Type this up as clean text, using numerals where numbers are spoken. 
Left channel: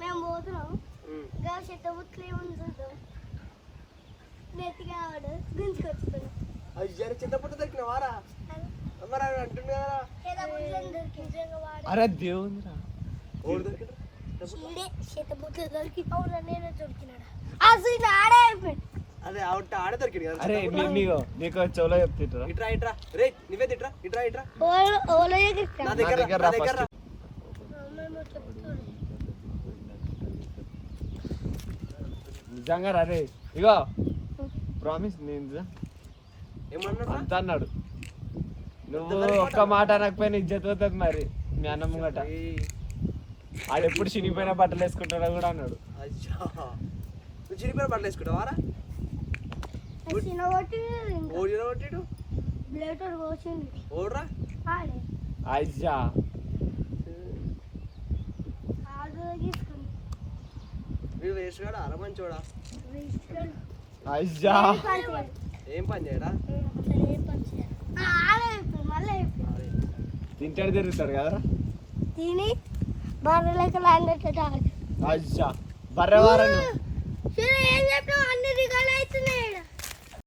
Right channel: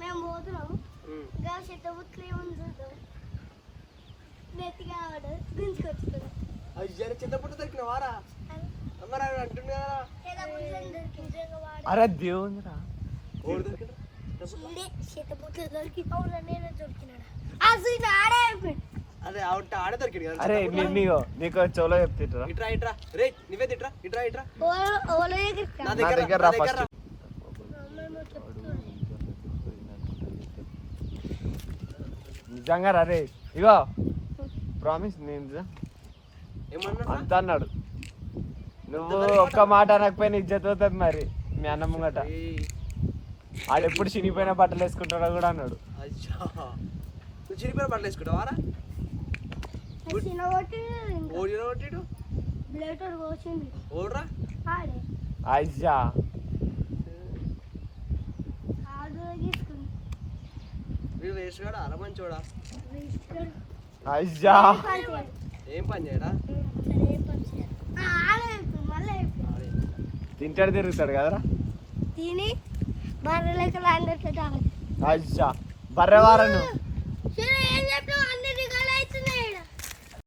మేము పోతున్నాం చెత్తబుట్లు ఏమని చూద్దాం నెత్తిగా గుంజుకొచ్చుకున్నాం చెత్తబుట్ట దొరికిన వారా మరి అంటుంది కదా అరే దేవుందిరా ఓడి దొరికిన చెత్తబుట్లు దొరికి అవునా నేనే దొరికినాడా అసలు ఆడే అయిపోయింది అదే ఆడే దొరికింది కదా అరే నీకు చోలో చెప్తా ఇట్రా ఇట్రా రే నువ్వేది ఇట్రా ఇట్రా ఇట్రా నా దగ్గర నిజంగా రే ఇగో ప్రామిస్ నేను ఏమన్నాడు అంత అన్నాడు నువ్వు ఒక్క మాట అనకపోయినా ఇజ్జత్ అవుతుంది మరి మీ అన్న ముంగట ఆడు ఎప్పుడు చినిపోయిన బట్టలు వేసుకుంటాడో కూడా అన్నాడు నువ్వు చినిపోయిన బట్టలు వేసుకుంటావారా ఓడరా అయ్యా వీడు వేసుగాడు అరమంచోడా అయ్యా ఏం పని చేయడా తింటాడు తిరుగుతాడు కదరా తిని బర్రెలకి అయ్యా బర్రె వారను ఏం చెప్పావు అన్ని రికార్డ్ అవుతున్నాయి